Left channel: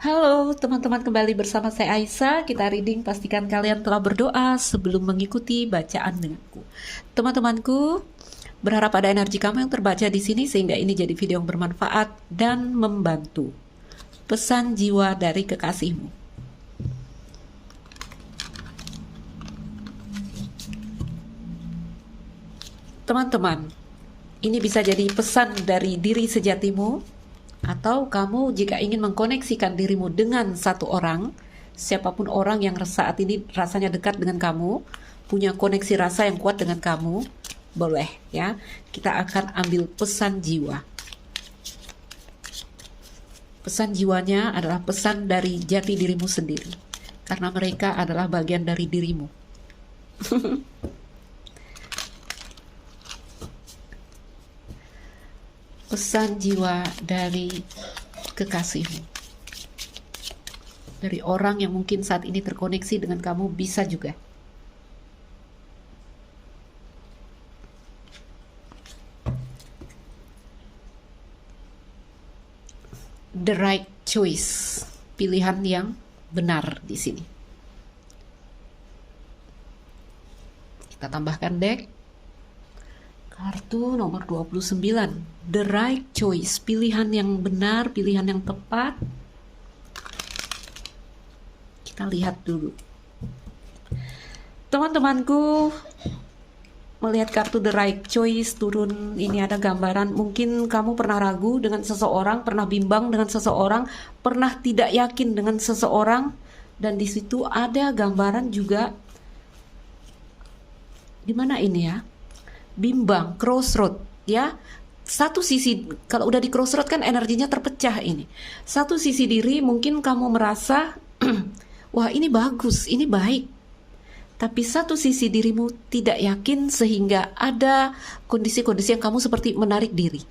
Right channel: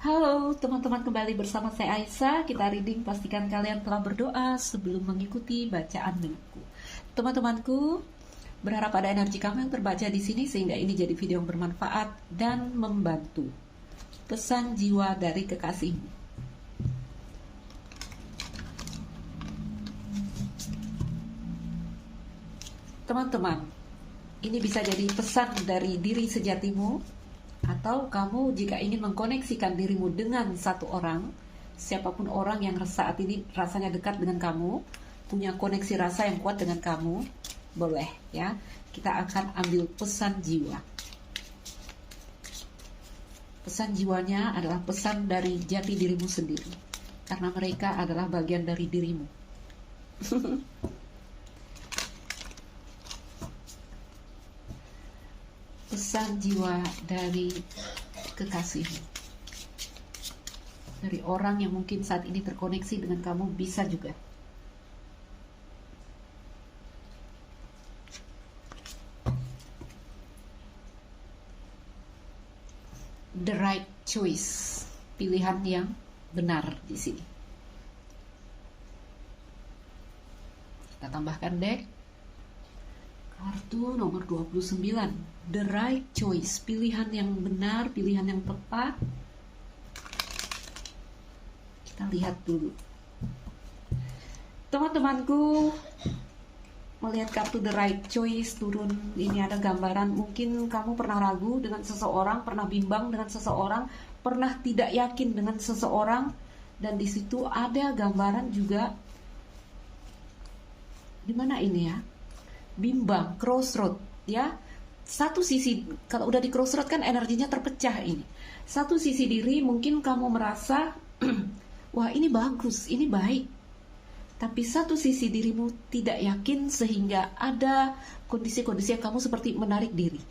Halo teman-teman, kembali bersama saya Aisyah. Kita reading, pastikan kalian telah berdoa sebelum mengikuti bacaan denganku. Teman-temanku, berharap ada energi kamu yang terbaca di sini sehingga ini jadi video yang bermanfaat dan membantu. Pesan jiwa dari kekasihmu. Teman-teman, ini bisa jadi pesan dari diri sejatimu, atau kamu jika ingin mengkoneksikan dirimu dengan satu orang, siapapun orang yang saat ini rasanya dekat dengan kamu, punya koneksi rasa yang kuat dengan kamu, boleh ya. Kita akan ambil pesan jiwa. Pesan jiwanya adalah pesan dari jati dirimu sendiri, karena mereka adalah bagian dari dirimu. Pesan jiwa dari kekasihmu, dari orang yang mungkin saat ini terkoneksi dengan kamu, bisa juga. The right choice, pilihan yang benar di sini. Kita tambahkan deck kartu nomor 29, the right choice, pilihan yang benar, pilihan yang tepat. Kita lihat dulu. Teman-temanku, melihat kartu the right choice turun, ini ada gambaran, mungkin kamu pernah ragu dengan seseorang, pernah bimbang dengan seseorang, pernah tidak yakin dengan seseorang, dan di situ ada gambaran juga, di mana ini ya? Bimbang, crossroad ya. Satu sisi, kalau udah di crossroad kan energinya terpecah ini. Satu sisi diri mungkin kamu merasa wah ini bagus, ini baik. Tapi satu sisi dirimu tidak yakin sehingga ada kondisi-kondisi yang kamu seperti menarik diri.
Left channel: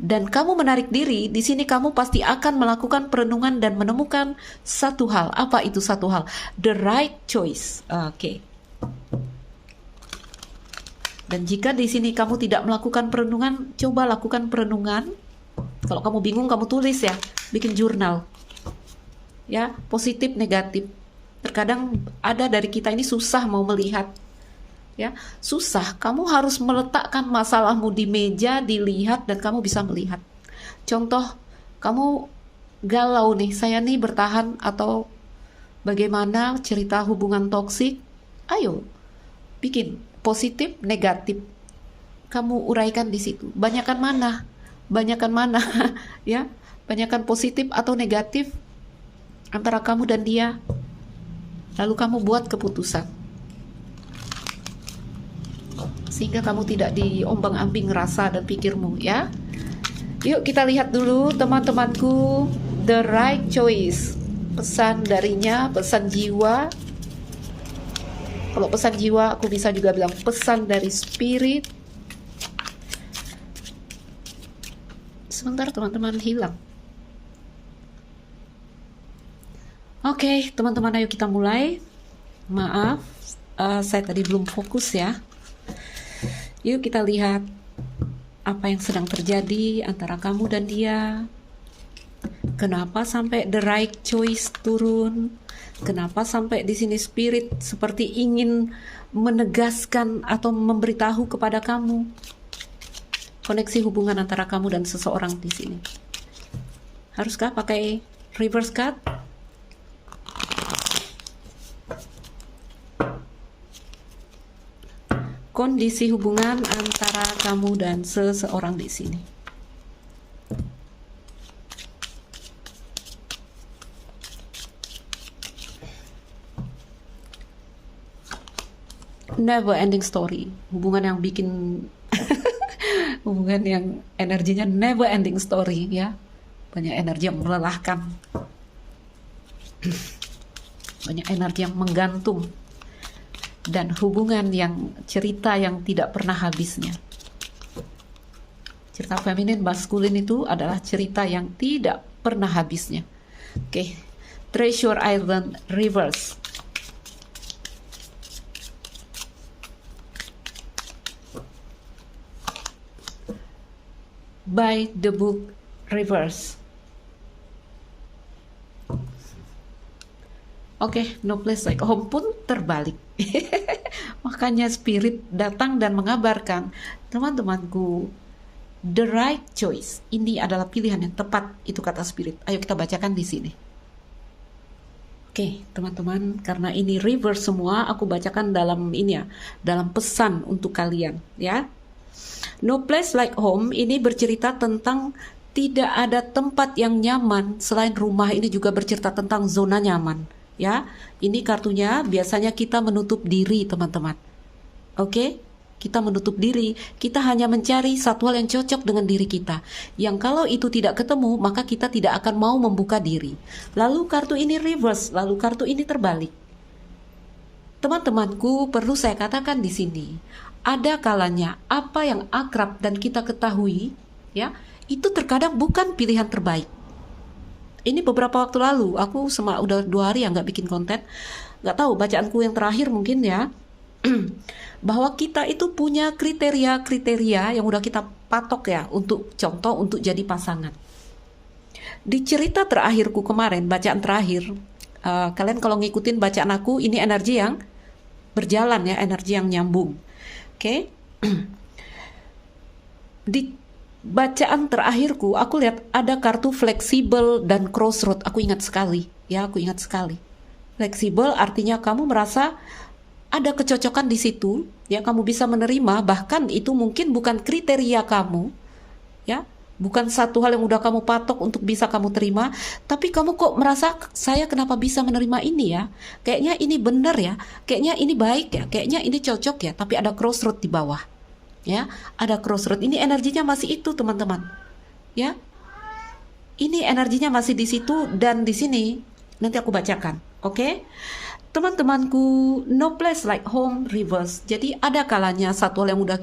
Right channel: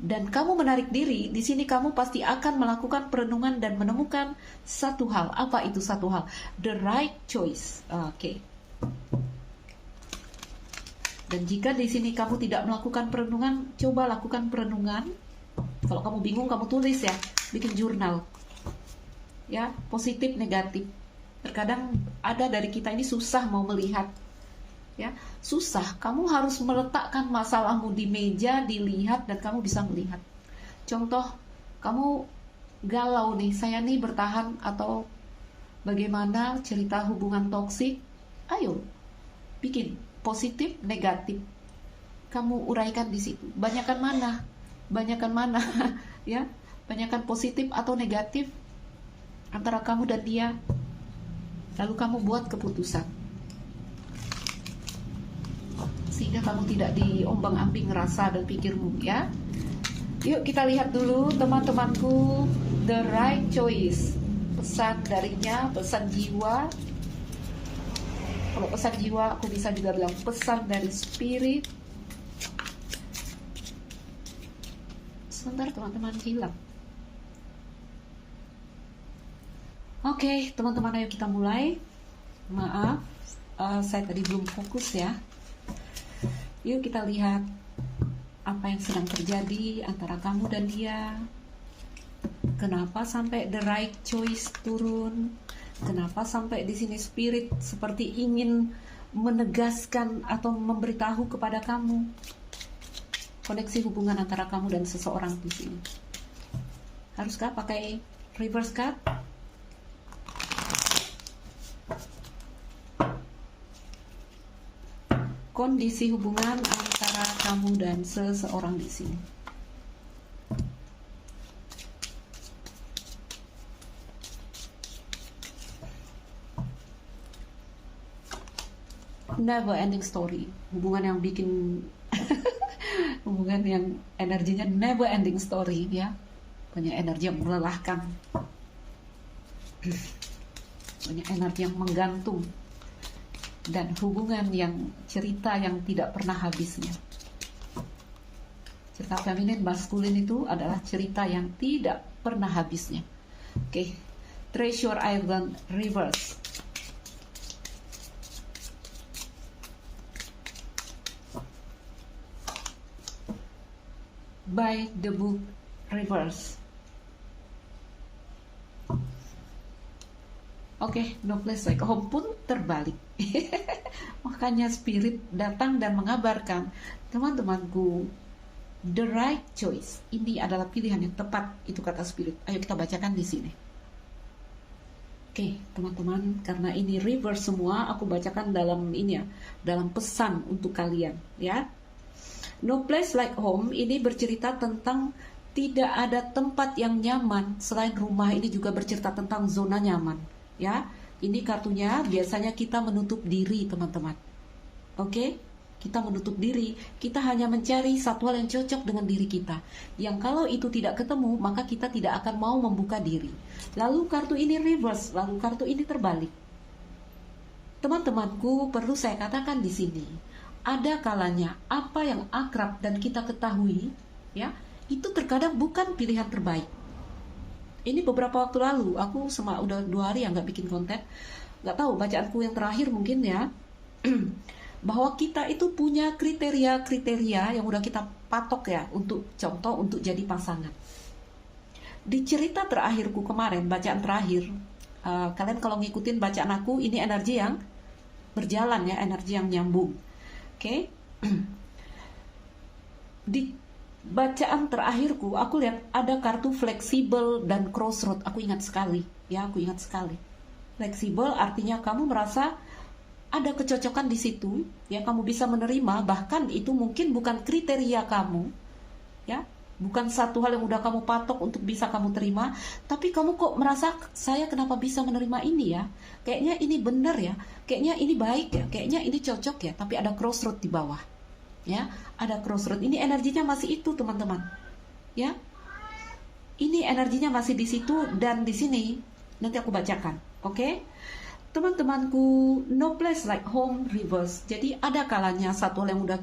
Dan kamu menarik diri, di sini kamu pasti akan melakukan perenungan dan menemukan satu hal. Apa itu satu hal? The right choice. Oke. Dan jika di sini kamu tidak melakukan perenungan, coba lakukan perenungan. Kalau kamu bingung, kamu tulis ya, bikin jurnal. Ya, positif, negatif. Terkadang ada dari kita ini susah mau melihat. Ya, susah. Kamu harus meletakkan masalahmu di meja, dilihat, dan kamu bisa melihat. Contoh, kamu galau nih, saya nih bertahan, atau bagaimana cerita hubungan toksik. Ayo, bikin positif, negatif. Kamu uraikan di situ. Banyakan mana? Banyakan mana? Ya, banyakan positif atau negatif antara kamu dan dia. Lalu kamu buat keputusan. Sehingga kamu tidak diombang-ambing rasa dan pikirmu ya. Yuk kita lihat dulu teman-temanku, the right choice. Pesan darinya, pesan jiwa. Kalau pesan jiwa, aku bisa juga bilang pesan dari spirit. Sebentar teman-teman, hilang. Oke, teman-teman, ayo kita mulai. Maaf, saya tadi belum fokus ya. Yuk kita lihat apa yang sedang terjadi antara kamu dan dia. Kenapa sampai the right choice turun? Kenapa sampai di sini spirit seperti ingin menegaskan atau memberitahu kepada kamu koneksi hubungan antara kamu dan seseorang di sini? Haruskah pakai reverse card? Kondisi hubungan antara kamu dan seseorang di sini. Never ending story, hubungan yang bikin hubungan yang energinya never ending story ya, banyak energi yang melelahkan, banyak energi yang menggantung, dan hubungan yang cerita yang tidak pernah habisnya. Cerita feminin maskulin itu adalah cerita yang tidak pernah habisnya. Oke, Treasure Island reverse. By the book reverse. Oke, no place like home pun terbalik. Makanya spirit datang dan mengabarkan, teman-temanku, the right choice. Ini adalah pilihan yang tepat, itu kata spirit. Ayo kita bacakan di sini. Oke, teman-teman, karena ini reverse semua, aku bacakan dalam ini ya, dalam pesan untuk kalian, ya. No place like home ini bercerita tentang tidak ada tempat yang nyaman selain rumah. Ini juga bercerita tentang zona nyaman. Ya, ini kartunya biasanya kita menutup diri, teman-teman. Oke, kita menutup diri. Kita hanya mencari satu hal yang cocok dengan diri kita. Yang kalau itu tidak ketemu, maka kita tidak akan mau membuka diri. Lalu kartu ini reverse, lalu kartu ini terbalik. Teman-temanku, perlu saya katakan di sini, ada kalanya apa yang akrab dan kita ketahui, ya, itu terkadang bukan pilihan terbaik. Ini beberapa waktu lalu, aku udah 2 hari ya nggak bikin konten. Nggak tahu, bacaanku yang terakhir mungkin ya. Bahwa kita itu punya kriteria-kriteria yang udah kita patok ya, untuk contoh, untuk jadi pasangan. Di cerita terakhirku kemarin, bacaan terakhir, kalian kalau ngikutin bacaan aku, ini energi yang berjalan ya, energi yang nyambung. Oke. Di bacaan terakhirku, aku lihat ada kartu fleksibel dan crossroad. Aku ingat sekali, ya, aku ingat sekali. Fleksibel artinya kamu merasa ada kecocokan di situ, yang kamu bisa menerima, bahkan itu mungkin bukan kriteria kamu, ya, bukan satu hal yang udah kamu patok untuk bisa kamu terima, tapi kamu kok merasa, saya kenapa bisa menerima ini ya? Kayaknya ini benar ya, kayaknya ini baik ya, kayaknya ini cocok ya, tapi ada crossroad di bawah. Ya, ada crossroad. Ini energinya masih itu, teman-teman. Ya. Ini energinya masih di situ dan di sini nanti aku bacakan. Oke? Teman-temanku, no place like home reverse. Jadi ada kalanya satu hal yang udah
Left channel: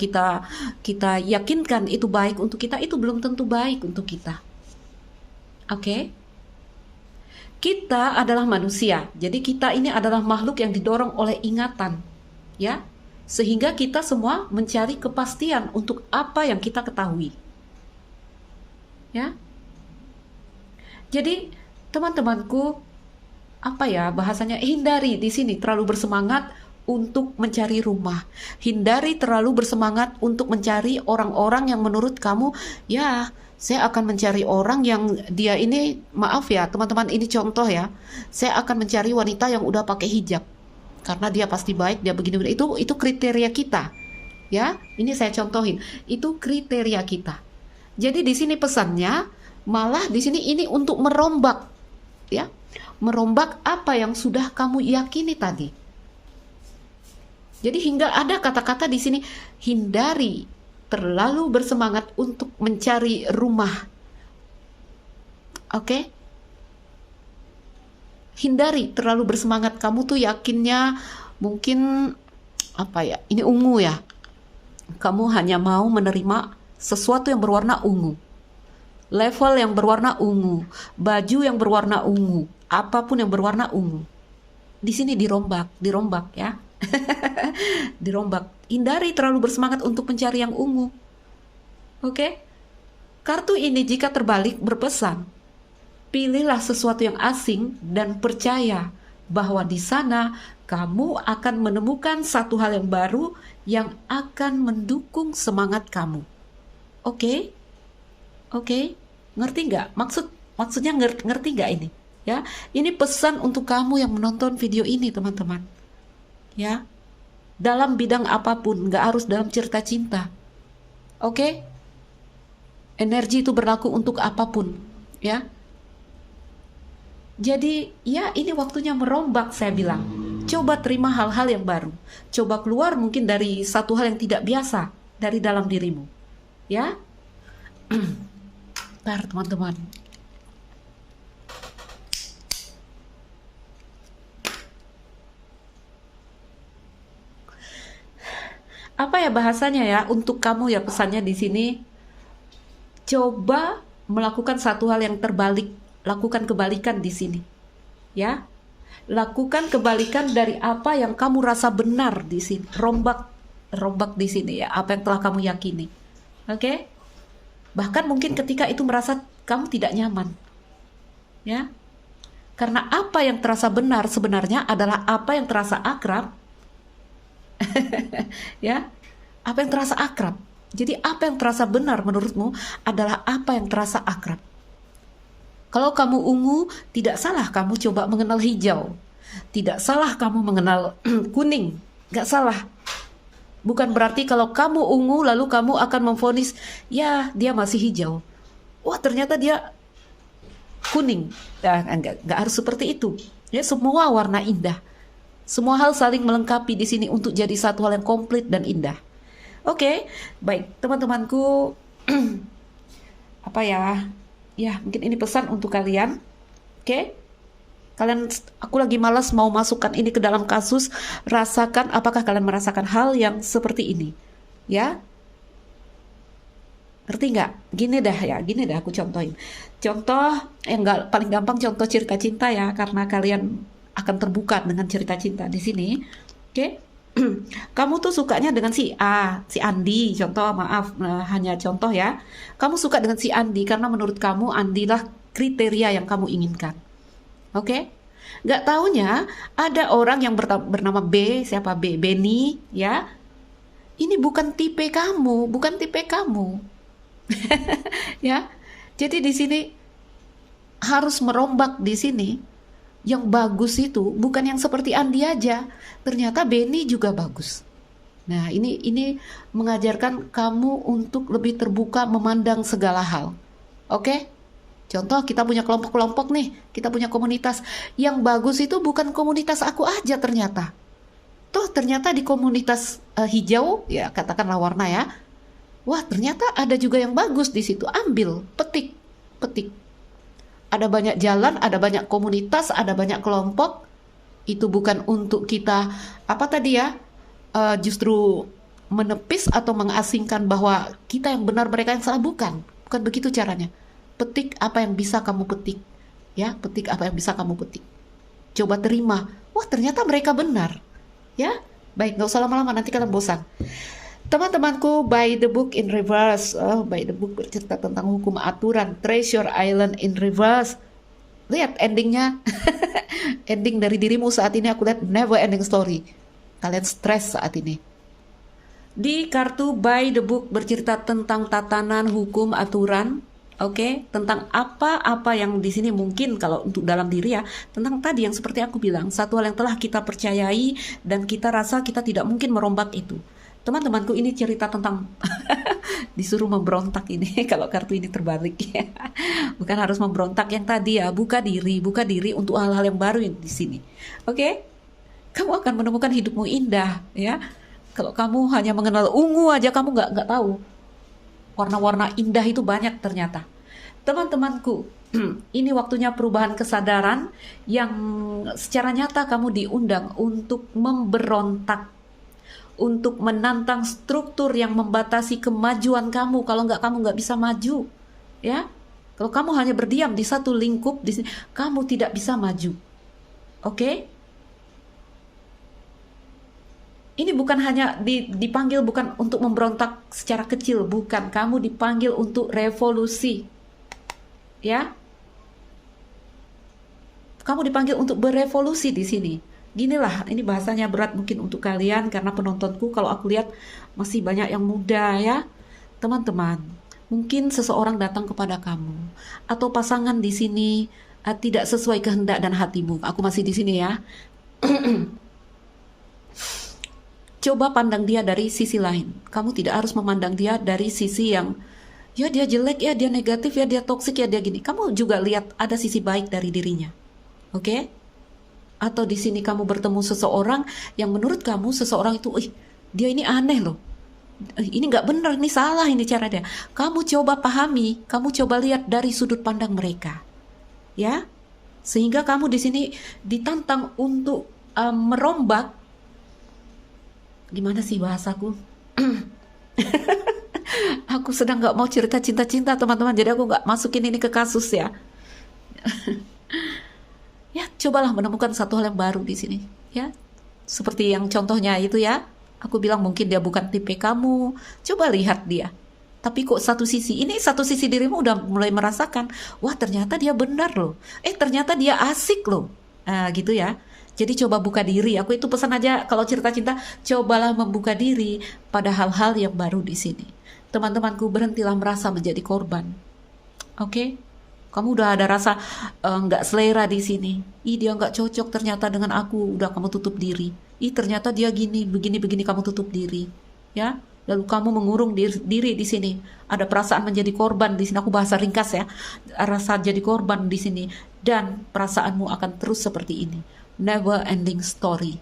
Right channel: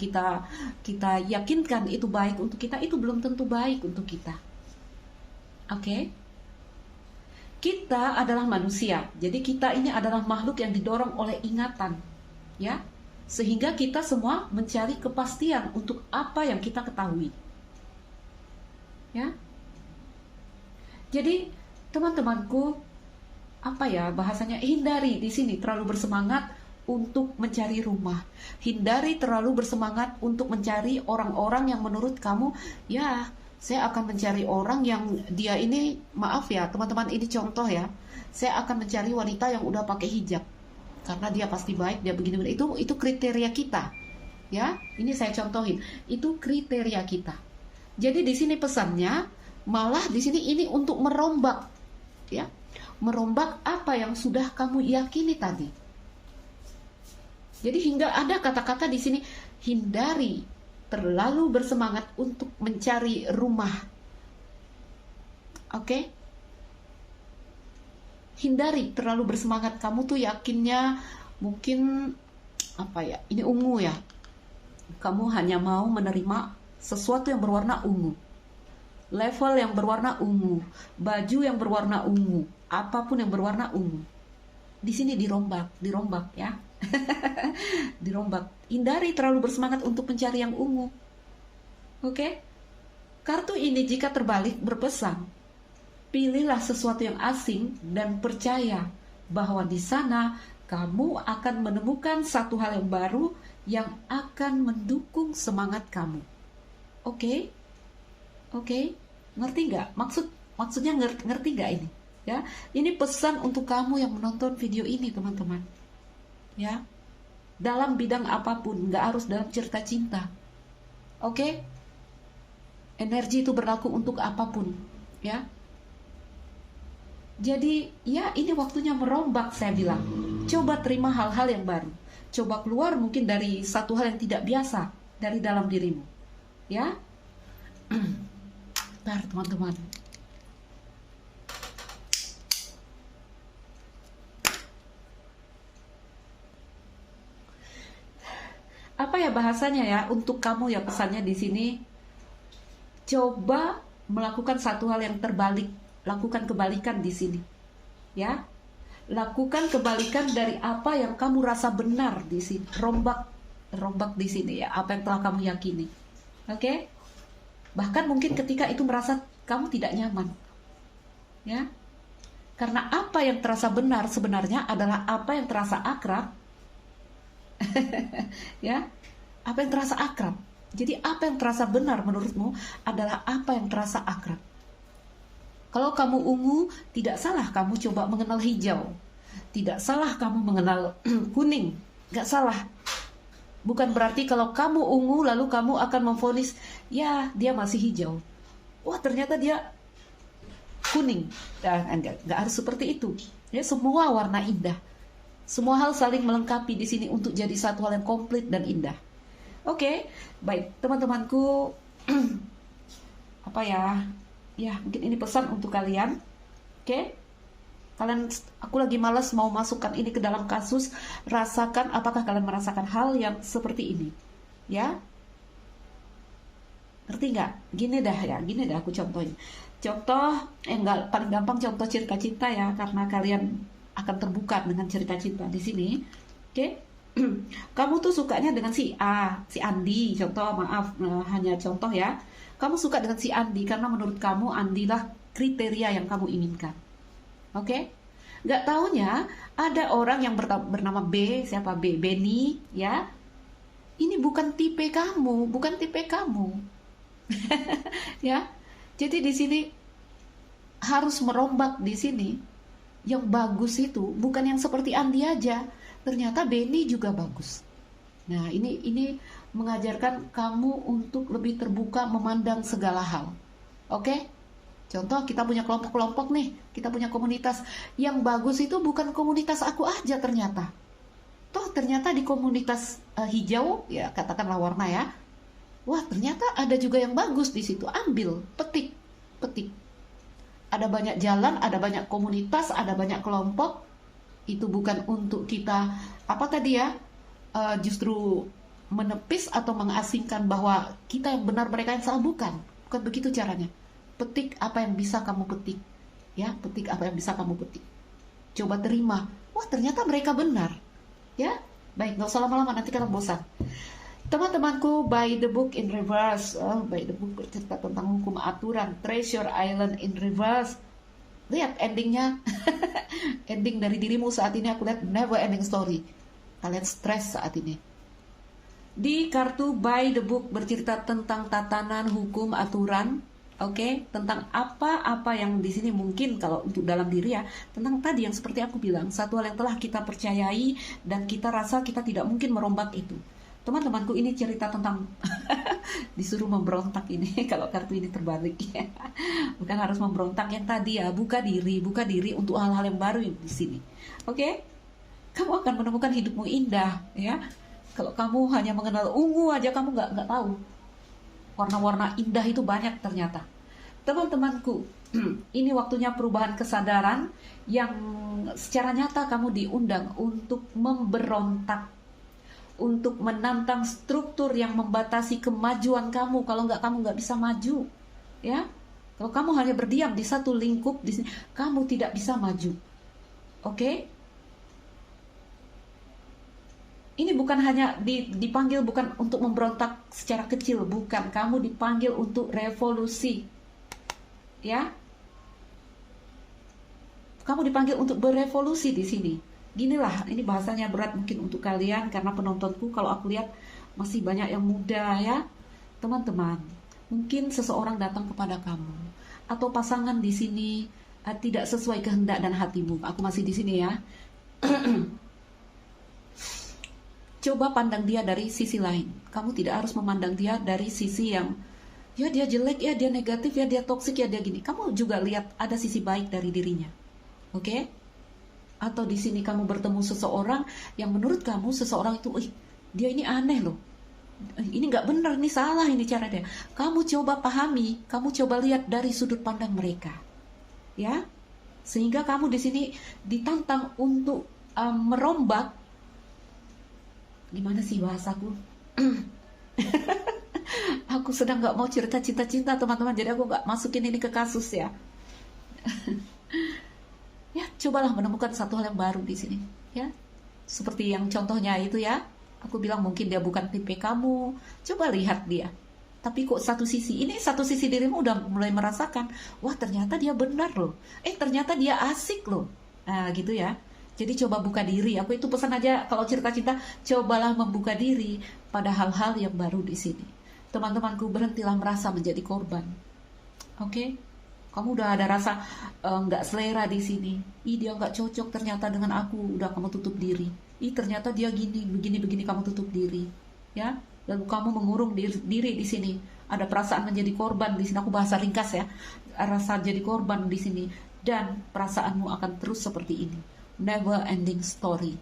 kita yakinkan itu baik untuk kita, itu belum tentu baik untuk kita. Oke? Kita adalah manusia. Jadi kita ini adalah makhluk yang didorong oleh ingatan. Ya. Sehingga kita semua mencari kepastian untuk apa yang kita ketahui. Ya. Jadi, teman-temanku, apa ya bahasanya, hindari di sini terlalu bersemangat untuk mencari rumah. Hindari terlalu bersemangat untuk mencari orang-orang yang menurut kamu, ya, saya akan mencari orang yang dia ini, maaf ya, teman-teman, ini contoh ya. Saya akan mencari wanita yang udah pakai hijab. Karena dia pasti baik, dia begini-begini. Itu kriteria kita. Ya, ini saya contohin. Itu kriteria kita. Jadi di sini pesannya, malah di sini ini untuk merombak, ya, merombak apa yang sudah kamu yakini tadi. Jadi hingga ada kata-kata di sini, hindari terlalu bersemangat untuk mencari rumah. Oke? Hindari terlalu bersemangat. Kamu tuh yakinnya mungkin apa ya, ini ungu ya, kamu hanya mau menerima sesuatu yang berwarna ungu, level yang berwarna ungu, baju yang berwarna ungu, apapun yang berwarna ungu. Di sini dirombak ya. Dirombak. Hindari terlalu bersemangat untuk mencari yang ungu. Oke? Kartu ini jika terbalik berpesan, pilihlah sesuatu yang asing dan percaya bahwa di sana kamu akan menemukan satu hal yang baru yang akan mendukung semangat kamu. Oke? Oke? Ngerti nggak? Maksudnya ngerti nggak ini? Ya, ini pesan untuk kamu yang menonton video ini, teman-teman. Ya, dalam bidang apapun, nggak harus dalam cerita cinta. Oke? Energi itu berlaku untuk apapun, ya. Jadi ya ini waktunya merombak, saya bilang. Coba terima hal-hal yang baru. Coba keluar mungkin dari satu hal yang tidak biasa dari dalam dirimu. Ya. Bentar, teman-teman. Apa ya bahasanya ya untuk kamu ya, pesannya di sini. Coba melakukan satu hal yang terbalik. Lakukan kebalikan di sini, ya. Lakukan kebalikan dari apa yang kamu rasa benar di sini. Rombak di sini ya, apa yang telah kamu yakini. Oke? Bahkan mungkin ketika itu merasa kamu tidak nyaman, ya. Karena apa yang terasa benar sebenarnya adalah apa yang terasa akrab. Ya, apa yang terasa akrab. Jadi apa yang terasa benar menurutmu adalah apa yang terasa akrab. Kalau kamu ungu, tidak salah kamu coba mengenal hijau. Tidak salah kamu mengenal kuning. Gak salah. Bukan berarti kalau kamu ungu lalu kamu akan memvonis, ya dia masih hijau. Wah ternyata dia kuning. Nah, enggak harus seperti itu. Ya, semua warna indah. Semua hal saling melengkapi di sini untuk jadi satu hal yang komplit dan indah. Oke, baik teman-temanku. Apa ya? Ya, mungkin ini pesan untuk kalian. Oke? Kalian, aku lagi malas mau masukkan ini ke dalam kasus. Rasakan, apakah kalian merasakan hal yang seperti ini? Ya? Ngerti nggak? Gini dah aku contohin. Contoh yang paling gampang, contoh cerita cinta ya, karena kalian akan terbuka dengan cerita cinta di sini. Oke? Kamu tuh sukanya dengan si A, si Andi, contoh, maaf, hanya contoh ya. Kamu suka dengan si Andi karena menurut kamu Andi lah kriteria yang kamu inginkan. Oke? Nggak taunya ada orang yang bernama B, siapa B? Benny, ya. Ini bukan tipe kamu, bukan tipe kamu. Ya. Jadi di sini harus merombak di sini. Yang bagus itu bukan yang seperti Andi aja. Ternyata Benny juga bagus. Nah, ini mengajarkan kamu untuk lebih terbuka memandang segala hal. Oke? Contoh kita punya kelompok-kelompok nih, kita punya komunitas. Yang bagus itu bukan komunitas aku aja ternyata. Toh ternyata di komunitas hijau, ya katakanlah warna ya. Wah ternyata ada juga yang bagus di situ. Ambil, petik. Ada banyak jalan, ada banyak komunitas, ada banyak kelompok. Itu bukan untuk kita, apa tadi ya, justru menepis atau mengasingkan bahwa kita yang benar, mereka yang salah. Bukan begitu caranya. Petik apa yang bisa kamu petik. Ya, petik apa yang bisa kamu petik. Coba terima. Wah, ternyata mereka benar. Ya, baik, nggak usah lama-lama, nanti kalian bosan. Teman-temanku, By the Book in Reverse. By the Book bercerita tentang hukum aturan. Treasure Island in Reverse. Lihat endingnya. Ending dari dirimu saat ini aku lihat never ending story. Kalian stres saat ini. Di kartu By the Book bercerita tentang tatanan, hukum, aturan. Oke, tentang apa-apa yang di sini mungkin kalau untuk dalam diri ya, tentang tadi yang seperti aku bilang, satu hal yang telah kita percayai dan kita rasa kita tidak mungkin merombak itu. Teman-temanku, ini cerita tentang disuruh memberontak ini kalau kartu ini terbalik ya. Bukan harus memberontak yang tadi ya, buka diri untuk hal-hal yang baru yang di sini. Oke? Kamu akan menemukan hidupmu indah ya. Kalau kamu hanya mengenal ungu aja kamu nggak tahu. Warna-warna indah itu banyak ternyata. Teman-temanku, ini waktunya perubahan kesadaran yang secara nyata kamu diundang untuk memberontak, untuk menantang struktur yang membatasi kemajuan kamu. Kalau nggak, kamu nggak bisa maju, ya. Kalau kamu hanya berdiam di satu lingkup di sini, kamu tidak bisa maju. Oke? Ini bukan hanya dipanggil bukan untuk memberontak secara kecil, bukan. Kamu dipanggil untuk revolusi, ya. Kamu dipanggil untuk berevolusi di sini. Ginilah, ini bahasanya berat mungkin untuk kalian karena penontonku kalau aku lihat masih banyak yang muda ya. Teman-teman, mungkin seseorang datang kepada kamu atau pasangan di sini tidak sesuai kehendak dan hatimu. Aku masih di sini ya. Coba pandang dia dari sisi lain. Kamu tidak harus memandang dia dari sisi yang ya dia jelek, ya dia negatif, ya dia toksik, ya dia gini. Kamu juga lihat ada sisi baik dari dirinya. Oke? Atau di sini kamu bertemu seseorang yang menurut kamu seseorang itu, dia ini aneh loh. Ini nggak benar, ini salah ini cara dia. Kamu coba pahami, kamu coba lihat dari sudut pandang mereka. Ya? Sehingga kamu di sini ditantang untuk merombak. Gimana sih bahasaku? Aku sedang nggak mau cerita cinta-cinta teman-teman, jadi aku nggak masukin ini ke kasus ya. Ya, cobalah menemukan satu hal yang baru di sini, ya. Seperti yang contohnya itu ya, aku bilang mungkin dia bukan tipe kamu. Coba lihat dia. Tapi kok satu sisi dirimu udah mulai merasakan, wah ternyata dia benar loh, ternyata dia asik loh, gitu ya. Jadi coba buka diri. Aku itu pesan aja kalau cerita cinta, cobalah membuka diri pada hal-hal yang baru di sini. Teman-temanku, berhentilah merasa menjadi korban. Oke? Kamu udah ada rasa nggak selera di sini. Ih, dia nggak cocok ternyata dengan aku. Udah kamu tutup diri. Ih, ternyata dia gini, begini kamu tutup diri. Ya, lalu kamu mengurung diri di sini. Ada perasaan menjadi korban di sini. Aku bahasa ringkas ya. Rasa jadi korban di sini, dan perasaanmu akan terus seperti ini. Never ending story.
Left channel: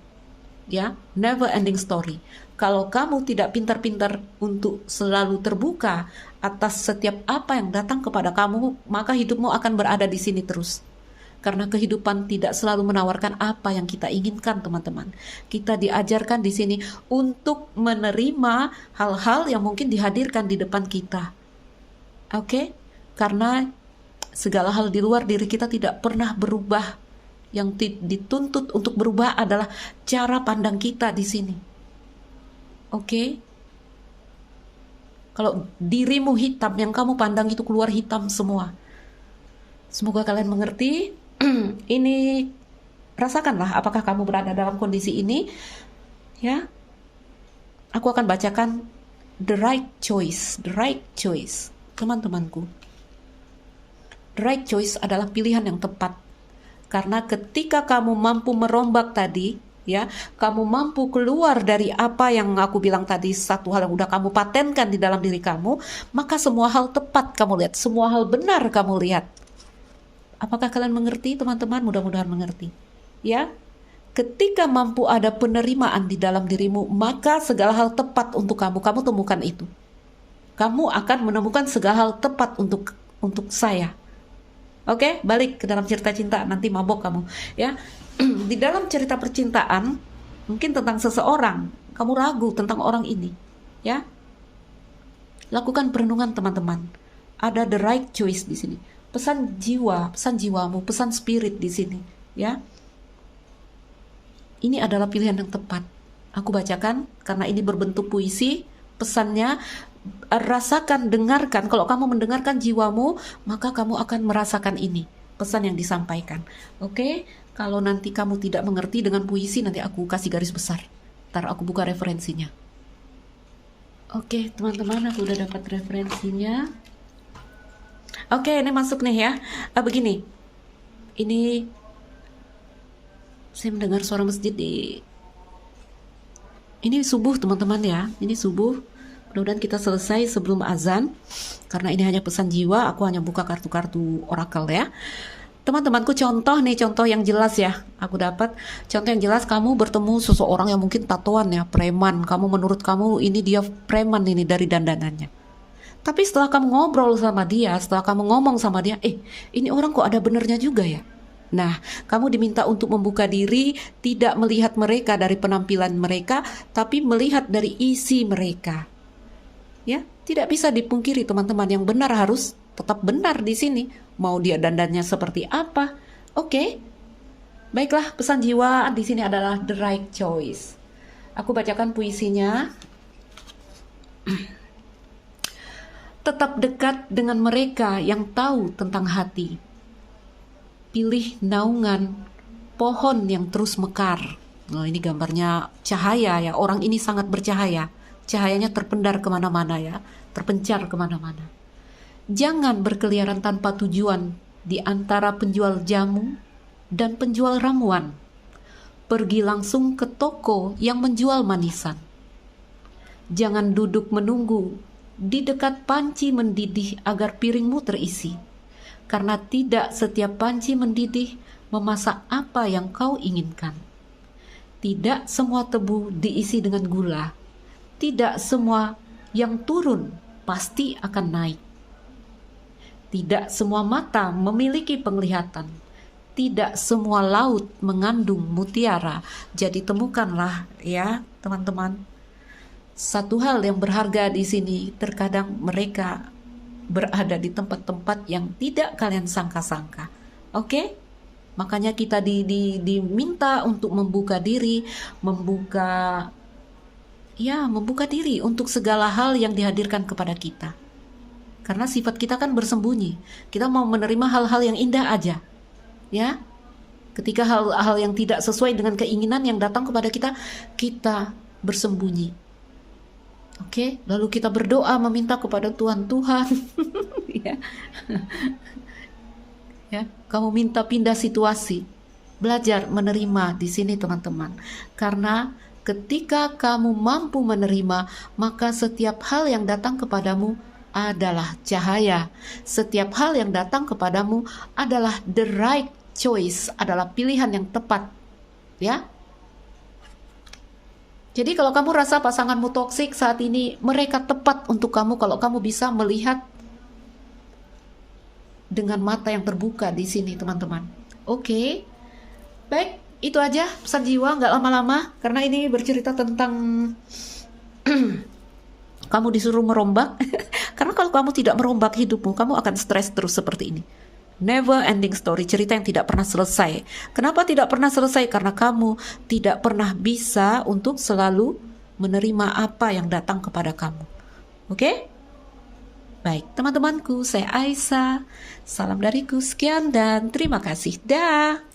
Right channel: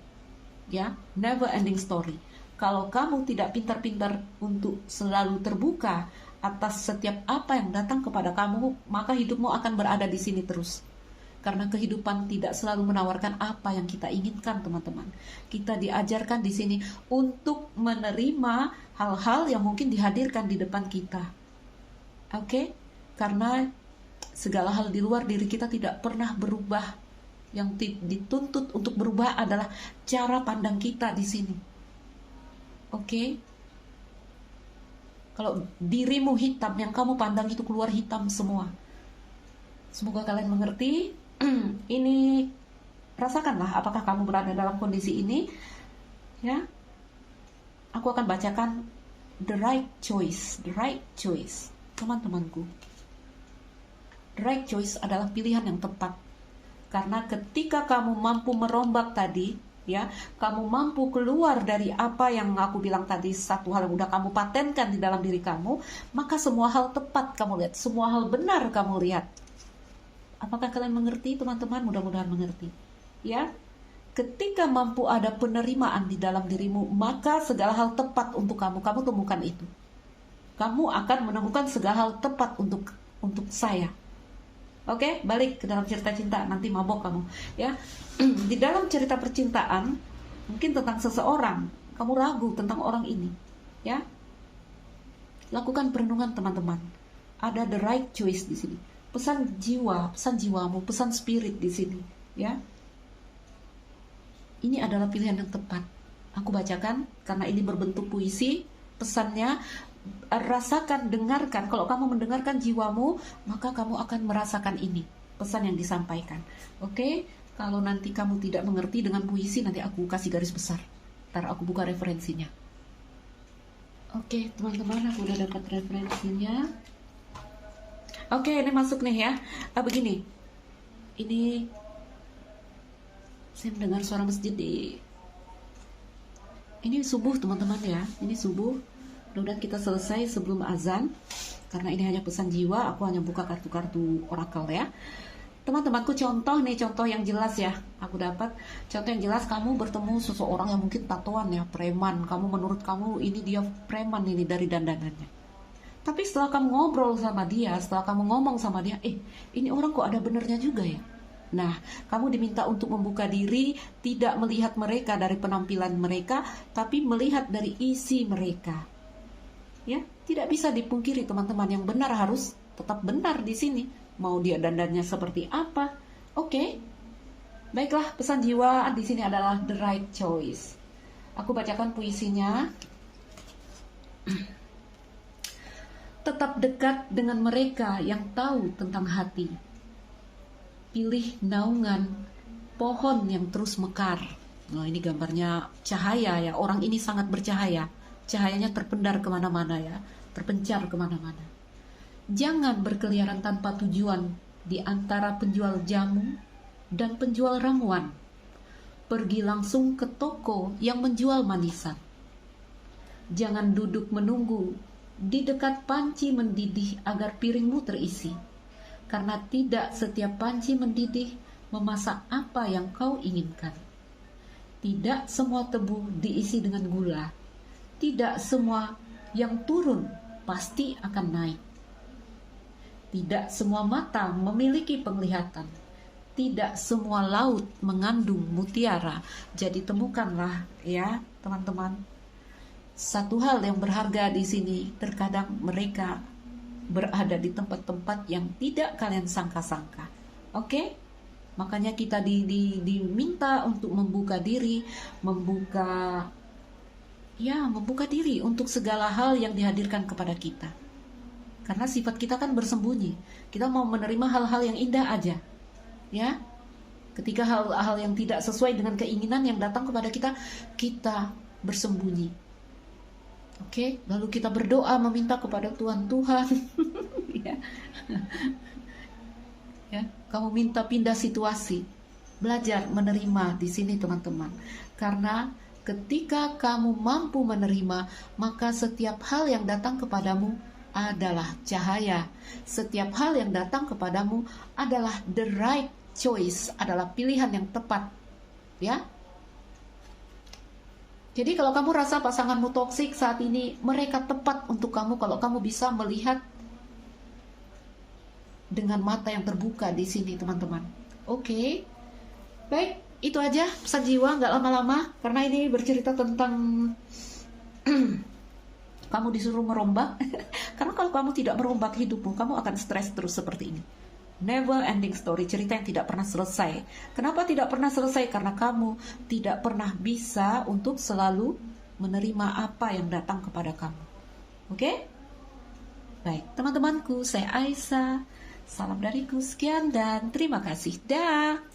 Ya, never ending story. Kalau kamu tidak pintar-pintar untuk selalu terbuka atas setiap apa yang datang kepada kamu, maka hidupmu akan berada di sini terus. Karena kehidupan tidak selalu menawarkan apa yang kita inginkan, teman-teman. Kita diajarkan di sini untuk menerima hal-hal yang mungkin dihadirkan di depan kita. Oke? Karena segala hal di luar diri kita tidak pernah berubah. Yang dituntut untuk berubah adalah cara pandang kita di sini. Oke? Kalau dirimu hitam, yang kamu pandang itu keluar hitam semua. Semoga kalian mengerti. Ini, rasakanlah apakah kamu berada dalam kondisi ini. Ya, aku akan bacakan the right choice. The right choice, teman-temanku. The right choice adalah pilihan yang tepat. Karena ketika kamu mampu merombak tadi, ya, kamu mampu keluar dari apa yang aku bilang tadi, satu hal yang udah kamu patenkan di dalam diri kamu, maka semua hal tepat kamu lihat, semua hal benar kamu lihat. Apakah kalian mengerti, teman-teman? Mudah-mudahan mengerti. Ya, ketika mampu ada penerimaan di dalam dirimu, maka segala hal tepat untuk kamu temukan itu. Kamu akan menemukan segala hal tepat untuk saya. Oke, balik ke dalam cerita cinta, nanti mabok kamu, ya. Di dalam cerita percintaan, mungkin tentang seseorang, kamu ragu tentang orang ini, ya. Lakukan perenungan, teman-teman. Ada the right choice di sini. Pesan jiwamu, pesan spirit di sini, ya. Ini adalah pilihan yang tepat. Aku bacakan karena ini berbentuk puisi. Pesannya, rasakan, dengarkan. Kalau kamu mendengarkan jiwamu, maka kamu akan merasakan ini, pesan yang disampaikan. Oke? Kalau nanti kamu tidak mengerti dengan puisi, nanti aku kasih garis besar. Ntar aku buka referensinya. Oke, teman-teman, aku udah dapat referensinya. Oke, ini masuk nih ya. Begini. Ini saya mendengar suara masjid di... Ini subuh, teman-teman ya. Ini subuh. Mudah-mudahan kita selesai sebelum azan. Karena ini hanya pesan jiwa, aku hanya buka kartu-kartu oracle ya. Teman-temanku, contoh yang jelas ya. Aku dapat contoh yang jelas. Kamu bertemu seseorang yang mungkin tatoan ya, preman. Menurut kamu ini dia preman ini dari dandanannya. Tapi setelah kamu ngobrol sama dia, setelah kamu ngomong sama dia, ini orang kok ada benernya juga ya. Nah, kamu diminta untuk membuka diri, tidak melihat mereka dari penampilan mereka, tapi melihat dari isi mereka. Ya, tidak bisa dipungkiri, teman-teman, yang benar harus tetap benar di sini. Mau dia dandannya seperti apa? Oke. Baiklah, pesan jiwa di sini adalah the right choice. Aku bacakan puisinya. Tetap dekat dengan mereka yang tahu tentang hati. Pilih naungan pohon yang terus mekar. Nah, ini gambarnya cahaya ya. Orang ini sangat bercahaya. Cahayanya terpendar kemana-mana ya. Terpencar kemana-mana. Jangan berkeliaran tanpa tujuan di antara penjual jamu dan penjual ramuan. Pergi langsung ke toko yang menjual manisan. Jangan duduk menunggu di dekat panci mendidih agar piringmu terisi. Karena tidak setiap panci mendidih memasak apa yang kau inginkan. Tidak semua tebu diisi dengan gula. Tidak semua yang turun pasti akan naik. Tidak semua mata memiliki penglihatan. Tidak semua laut mengandung mutiara. Jadi temukanlah ya, teman-teman. Satu hal yang berharga di sini, terkadang mereka berada di tempat-tempat yang tidak kalian sangka-sangka. Oke? Makanya kita diminta untuk membuka diri, membuka diri untuk segala hal yang dihadirkan kepada kita. Karena sifat kita kan bersembunyi. Kita mau menerima hal-hal yang indah aja. Ya. Ketika hal-hal yang tidak sesuai dengan keinginan yang datang kepada kita, kita bersembunyi. Oke, lalu kita berdoa meminta kepada Tuhan, ya. Ya, kamu minta pindah situasi. Belajar menerima di sini teman-teman. Karena ketika kamu mampu menerima, maka setiap hal yang datang kepadamu adalah cahaya. Setiap hal yang datang kepadamu adalah the right choice, adalah pilihan yang tepat. Ya. Jadi kalau kamu rasa pasanganmu toksik saat ini, mereka tepat untuk kamu kalau kamu bisa melihat dengan mata yang terbuka di sini teman-teman. Oke. Baik, itu aja pesan jiwa, nggak lama-lama karena ini bercerita tentang kamu disuruh merombak. Karena kalau kamu tidak merombak hidupmu, kamu akan stres terus seperti ini. Never ending story, cerita yang tidak pernah selesai. Kenapa tidak pernah selesai? Karena kamu tidak pernah bisa untuk selalu menerima apa yang datang kepada kamu. Oke? Baik, teman-temanku, saya Aisyah. Salam dariku, sekian dan terima kasih. Dah.